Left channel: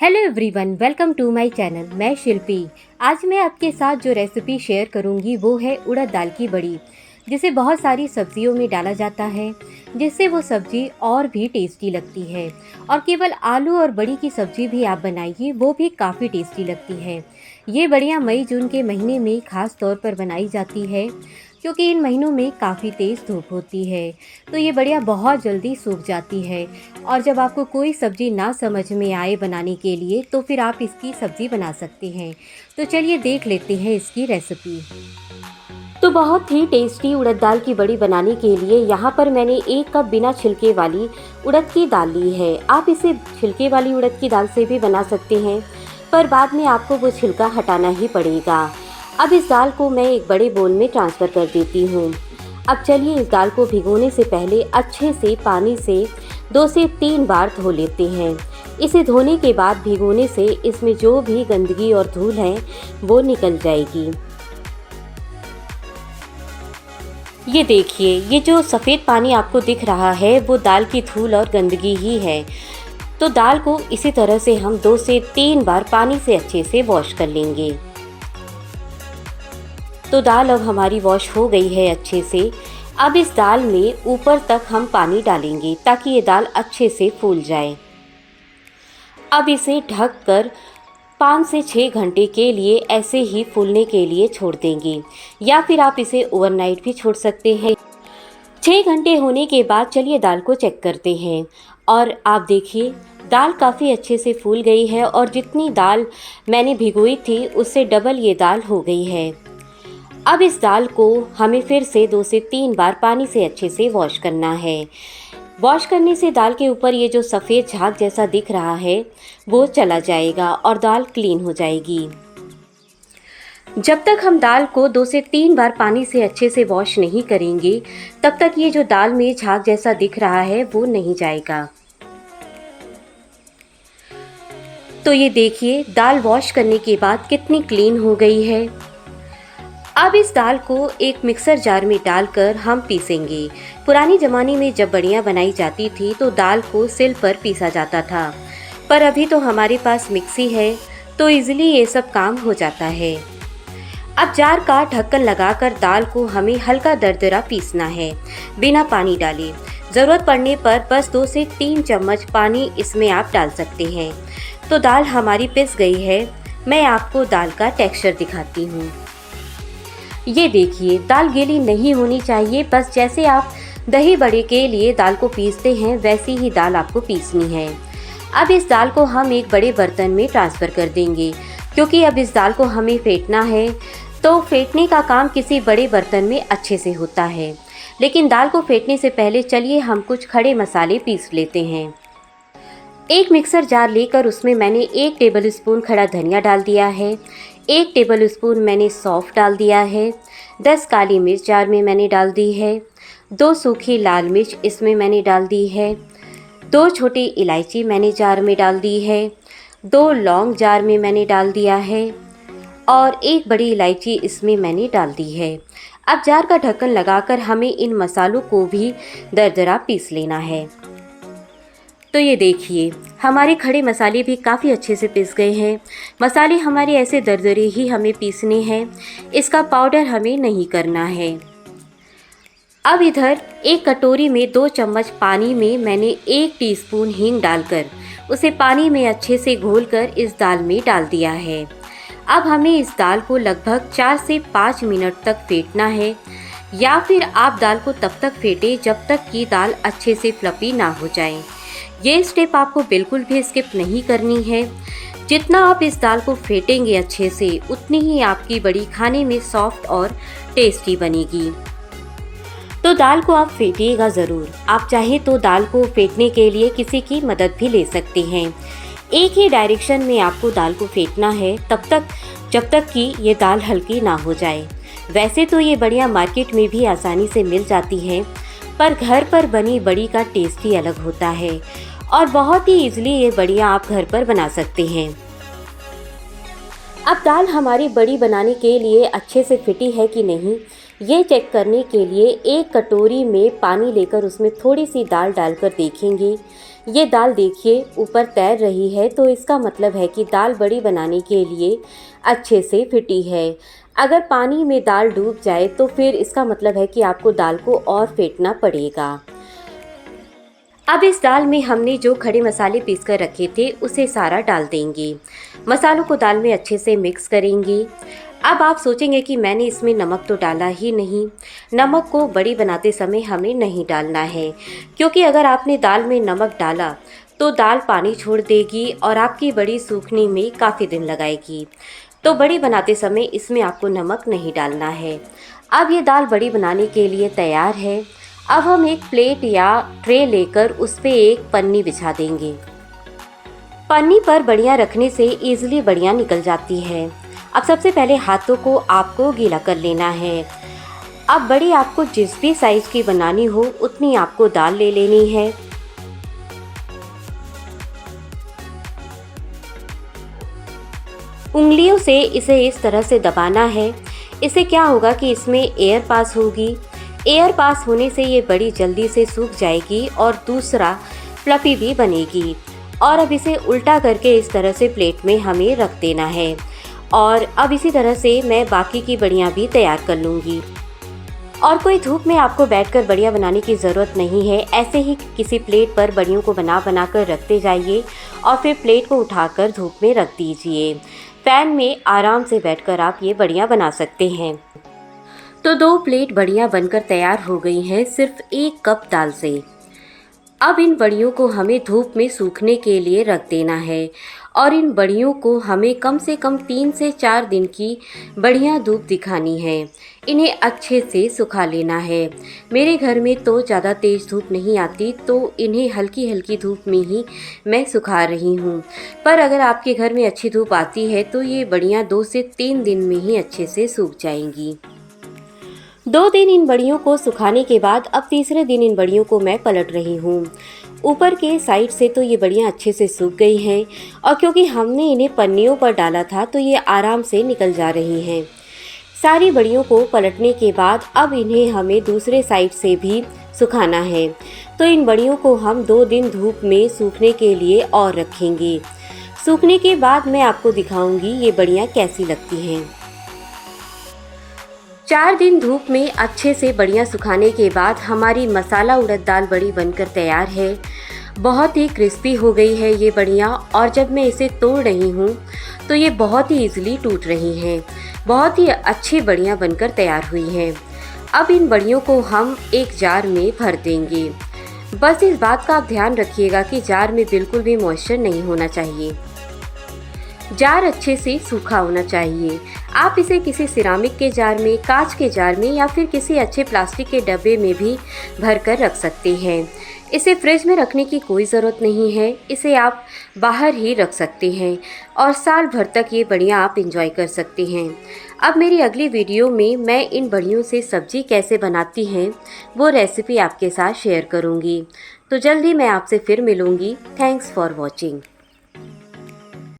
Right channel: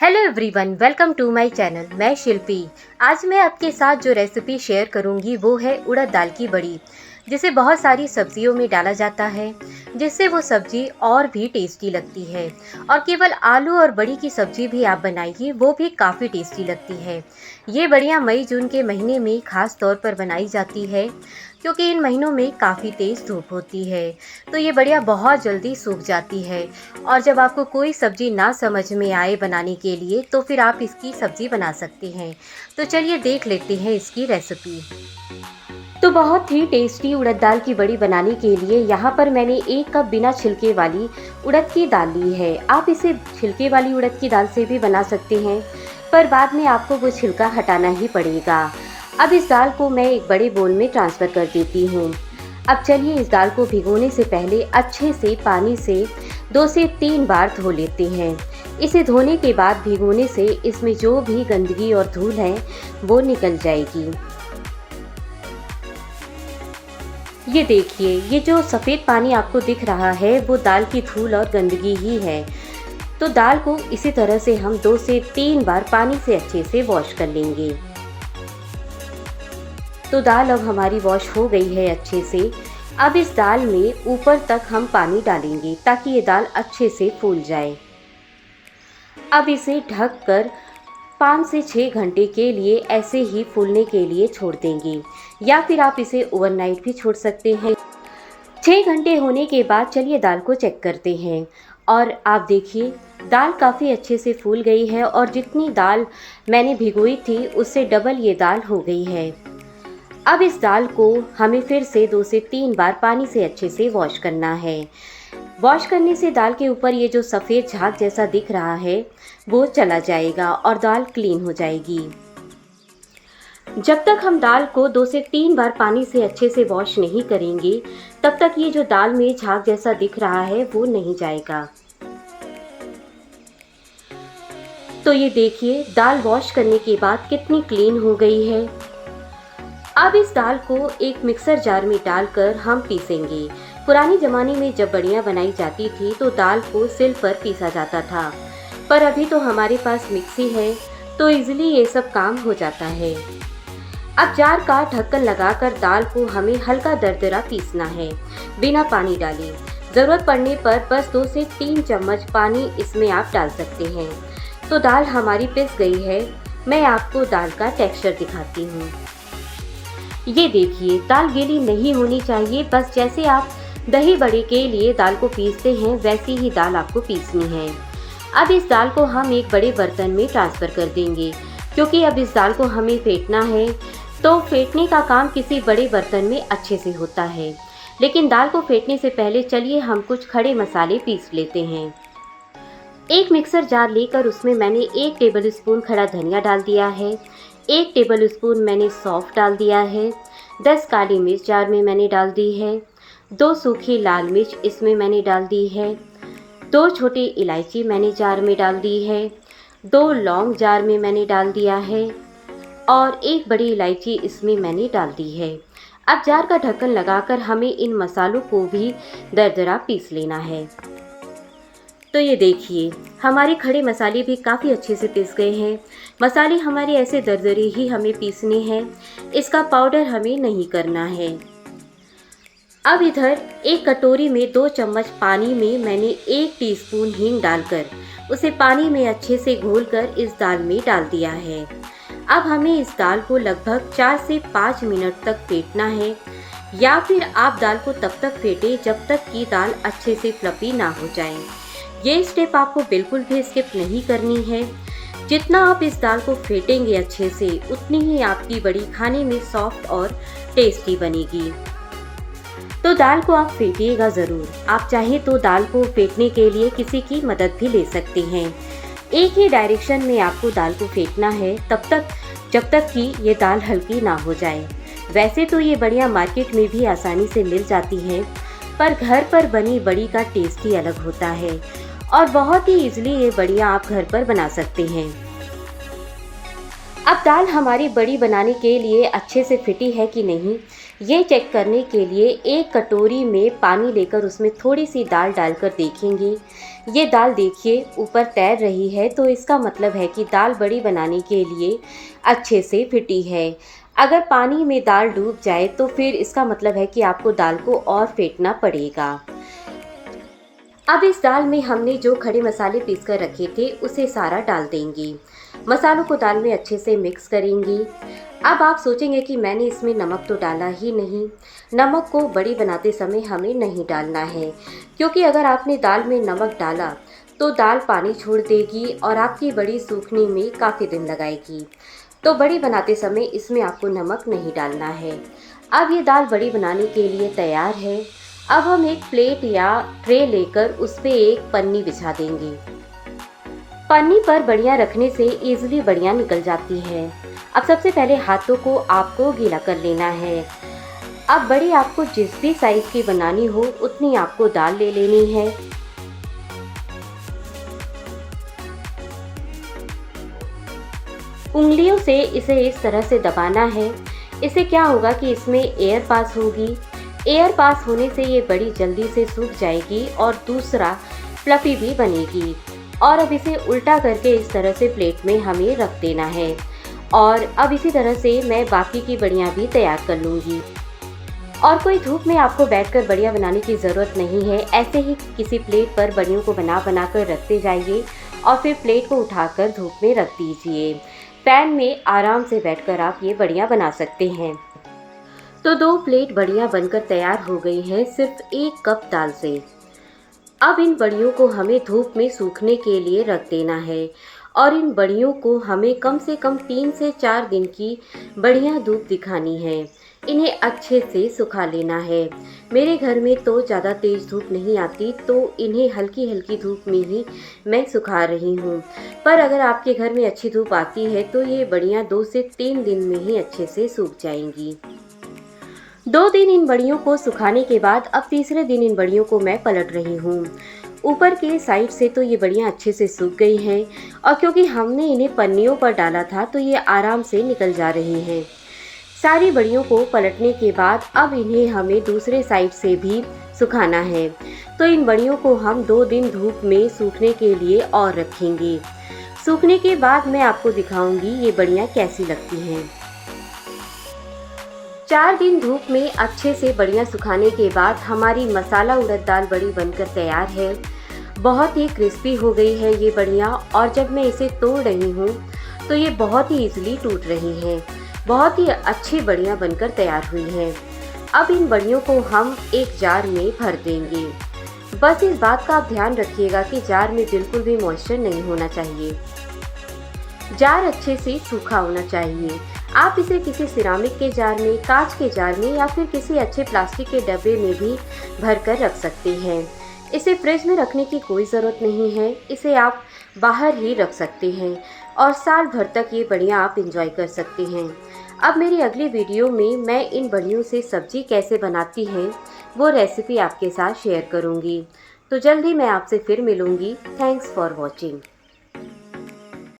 Hello everyone, welcome to my channel. मैं शिल्पी। आज मैं आपके साथ जो रेसिपी शेयर करूंगी वो है उड़द दाल की बड़ी, जिसे बहुत सारी सब्जियों में डाला जाता है, जिससे वो सब्जी और भी टेस्टी लगती है। और केवल आलू और बड़ी की सब्जी भी आप बनाइए, वो भी काफ़ी टेस्टी लगती है। ये बड़ियाँ मई जून के महीने में ख़ास तौर पर बनाई जाती है, क्योंकि इन महीनों में काफ़ी तेज़ धूप होती है, तो ये बड़ियाँ बहुत जल्दी सूख जाती है। और जब आपको कोई सब्ज़ी ना समझ में आए बनाने के लिए, तो फिर आप इसकी सब्ज़ी बना सकते हैं। तो चलिए देख लेते हैं इसकी रेसिपी। तो बहुत ही टेस्टी उड़द दाल की बड़ी बनाने के लिए यहाँ पर मैंने 1 कप बिना छिलके वाली उड़द की दाल ली है। आप इसे छिलके वाली उड़द की दाल से भी बना सकते हैं, पर बाद में आपको वो छिलका हटाना ही पड़ेगा। अब इस दाल को मैं एक बड़े बोल में ट्रांसफ़र कर देती हूँ। अब चलिए इस दाल को भिगोने से पहले अच्छे से पानी से 2 से 3 बार धो लेते हैं। इसे धोने के बाद भिगोने से इसमें जो भी गंदगी और धूल है वो निकल जाएगी। ये देखिए, ये जो सफ़ेद पानी आपको दिख रहा है वो दाल की धूल और गंदगी ही है। तो दाल को इसी तरह से हम 2 से 3 बार पानी से अच्छे से वॉश कर लेंगे। तो दाल अब हमारी वॉश हो गई है अच्छे से। अब इस दाल में ऊपर तक हम पानी डालेंगे ताकि ये दाल अच्छे से फूल जाए। अब इसे ढककर 5 से 6 घंटे के लिए ऐसे ही फूलने के लिए छोड़ देंगे, या फिर आप इसे ओवरनाइट भी छोड़ सकते हैं। 6 घंटे होने के बाद चलिए दाल को चेक करते हैं। और आप देखिए, दाल काफ़ी अच्छे से फूल गई है और जितनी दाल मैंने भिगोई थी उससे डबल ये दाल हो गई है। अब इस दाल को हमें फिर से 2 से 3 बार पानी से अच्छे से वॉश करना है। वॉश करने से दाल के ऊपर ये जो सफ़ेद झाग जैसा दिख रहा है वो चला जाएगा और दाल क्लीन हो जाएगी। जब तक हम दाल को 2 से 3 बार पानी से अच्छे से वॉश नहीं करेंगे, तब तक ये जो दाल में झाग जैसा दिख रहा है वो नहीं जाएगा। तो ये देखिए, दाल वॉश करने के बाद कितनी क्लीन हो गई है। अब इस दाल को एक मिक्सर जार में डालकर हम पीसेंगे। पुराने ज़माने में जब बड़ियाँ बनाई जाती थी तो दाल को सिल पर पीसा जाता था, पर अभी तो हमारे पास मिक्सी है तो इजीली ये सब काम हो जाता है। अब जार का ढक्कन लगाकर दाल को हमें हल्का दरदरा पीसना है, बिना पानी डाले। ज़रूरत पड़ने पर बस 2 से 3 चम्मच पानी इसमें आप डाल सकते हैं। तो दाल हमारी पिस गई है। मैं आपको दाल का टेक्सचर दिखाती हूँ। ये देखिए, दाल गीली नहीं होनी चाहिए। बस जैसे आप दही बड़े के लिए दाल को पीसते हैं वैसी ही दाल आपको पीसनी है। अब इस दाल को हम एक बड़े बर्तन में ट्रांसफ़र कर देंगे, क्योंकि अब इस दाल को हमें फेंटना है। तो फेंटने का काम किसी बड़े बर्तन में अच्छे से होता है, लेकिन दाल को फेंटने से पहले चलिए हम कुछ खड़े मसाले पीस लेते हैं। एक मिक्सर जार लेकर उसमें मैंने 1 टेबलस्पून खड़ा धनिया डाल दिया है, 1 टेबलस्पून मैंने सौंफ डाल दिया है, 10 काली मिर्च जार में मैंने डाल दी है, 2 सूखी लाल मिर्च इसमें मैंने डाल दी है, 2 छोटी इलायची मैंने जार में डाल दी है, 2 लौंग जार में मैंने डाल दिया है और 1 बड़ी इलायची इसमें मैंने डाल दी है। अब जार का ढक्कन लगाकर हमें इन मसालों को भी दरदरा पीस लेना है। तो ये देखिए, हमारे खड़े मसाले भी काफ़ी अच्छे से पिस गए हैं। मसाले हमारे ऐसे दरदरे ही हमें पीसने हैं, इसका पाउडर हमें नहीं करना है। अब इधर एक कटोरी में 2 चम्मच पानी में मैंने 1 टीस्पून हींग डालकर उसे पानी में अच्छे से घोलकर इस दाल में डाल दिया है। अब हमें इस दाल को लगभग 4 से 5 मिनट तक फेंटना है, या फिर आप दाल को तब तक फेंटें जब तक कि दाल अच्छे से फ्लफी ना हो जाए। ये स्टेप आपको बिल्कुल भी स्किप नहीं करनी है। जितना आप इस दाल को फेंटेंगे अच्छे से, उतनी ही आपकी बड़ी खाने में सॉफ्ट और टेस्टी बनेगी। तो दाल को आप फेंटिएगा ज़रूर। आप चाहे तो दाल को फेंटने के लिए किसी की मदद भी ले सकते हैं। एक ही डायरेक्शन में आपको दाल को फेंटना है तब तक जब तक कि ये दाल हल्की ना हो जाए। वैसे तो ये बड़ियाँ मार्केट में भी आसानी से मिल जाती हैं, पर घर पर बनी बड़ी का टेस्ट ही अलग होता है और बहुत ही ईजिली ये बड़ियाँ आप घर पर बना सकते हैं। अब दाल हमारी बड़ी बनाने के लिए अच्छे से फिटी है कि नहीं, ये चेक करने के लिए 1 कटोरी में पानी लेकर उसमें थोड़ी सी दाल डालकर देखेंगे ये दाल देखिए ऊपर तैर रही है, तो इसका मतलब है कि दाल बड़ी बनाने के लिए अच्छे से फिटी है। अगर पानी में दाल डूब जाए तो फिर इसका मतलब है कि आपको दाल को और फेंटना पड़ेगा। अब इस दाल में हमने जो खड़े मसाले पीस कर रखे थे उसे सारा डाल देंगे। मसालों को दाल में अच्छे से मिक्स करेंगे। अब आप सोचेंगे कि मैंने इसमें नमक तो डाला ही नहीं। नमक को बड़ी बनाते समय हमें नहीं डालना है, क्योंकि अगर आपने दाल में नमक डाला तो दाल पानी छोड़ देगी और आपकी बड़ी सूखने में काफ़ी दिन लगाएगी। तो बड़ी बनाते समय इसमें आपको नमक नहीं डालना है। अब ये दाल बड़ी बनाने के लिए तैयार है। अब हम एक प्लेट या ट्रे लेकर उस पे एक पन्नी बिछा देंगे। पन्नी पर बड़ियाँ रखने से ईजिली बड़ियाँ निकल जाती है। अब सबसे पहले हाथों को आपको गीला कर लेना है। अब बड़ी आपको जिस भी साइज की बनानी हो उतनी आपको दाल ले लेनी है। उंगलियों से इसे इस तरह से दबाना है। इससे क्या होगा कि इसमें एयर पास होगी। एयर पास होने से ये बड़ी जल्दी से सूख जाएगी और दूसरा फ्लफ़ी भी बनेगी। और अब इसे उल्टा करके इस तरह से प्लेट में हमें रख देना है। और अब इसी तरह से मैं बाकी की बड़ियाँ भी तैयार कर लूँगी। और कोई धूप में आपको बैठकर बड़ियाँ बनाने की ज़रूरत नहीं है। ऐसे ही किसी प्लेट पर बड़ियों को बना कर रखते जाइए और फिर प्लेट को उठाकर धूप में रख दीजिए। फैन में आराम से बैठकर आप ये बड़ियाँ बना सकते हैं। तो 2 प्लेट बड़ियाँ बनकर तैयार हो गई हैं सिर्फ 1 कप दाल से। अब इन बड़ियों को हमें धूप में सूखने के लिए रख देना है और इन बड़ियों को हमें कम से कम 3 से 4 दिन की बढ़िया धूप दिखानी है। इन्हें अच्छे से सुखा लेना है। मेरे घर में तो ज़्यादा तेज़ धूप नहीं आती, तो इन्हें हल्की हल्की धूप में ही मैं सुखा रही हूँ। पर अगर आपके घर में अच्छी धूप आती है तो ये बड़ियाँ 2 से 3 दिन में ही अच्छे से सूख जाएंगी। 2 दिन इन बड़ियों को सुखाने के बाद अब तीसरे दिन इन बड़ियों को मैं पलट रही हूँ। ऊपर के साइड से तो ये बड़ियाँ अच्छे से सूख गई हैं और क्योंकि हमने इन्हें पन्नियों पर डाला था तो ये आराम से निकल जा रही हैं। सारी बड़ियों को पलटने के बाद अब इन्हें हमें दूसरे साइड से भी सुखाना है। तो इन बड़ियों को हम 2 दिन धूप में सूखने के लिए और रखेंगे। सूखने के बाद मैं आपको दिखाऊंगी ये बड़ियाँ कैसी लगती हैं। 4 दिन धूप में अच्छे से बड़ियाँ सुखाने के बाद हमारी मसाला उड़द दाल बड़ी बनकर तैयार है। बहुत ही क्रिस्पी हो गई है ये बड़ियाँ और जब मैं इसे तोड़ रही हूँ तो ये बहुत ही ईजिली टूट रही हैं। बहुत ही अच्छी बड़ियाँ बनकर तैयार हुई हैं। अब इन बड़ियों को हम एक जार में भर देंगे। बस इस बात का आप ध्यान रखिएगा कि जार में बिल्कुल भी मॉइस्चर नहीं होना चाहिए। जार अच्छे से सूखा होना चाहिए। आप इसे किसी सिरामिक के जार में, कांच के जार में या फिर किसी अच्छे प्लास्टिक के डब्बे में भी भर कर रख सकते हैं। इसे फ्रिज में रखने की कोई ज़रूरत नहीं है। इसे आप बाहर ही रख सकते हैं और साल भर तक ये बड़ियाँ आप इंजॉय कर सकते हैं। अब मेरी अगली वीडियो में मैं इन बड़ियों से सब्जी कैसे बनाती हैं वो रेसिपी आपके साथ शेयर करूँगी। तो जल्दी मैं आपसे फिर मिलूँगी। Thanks for watching.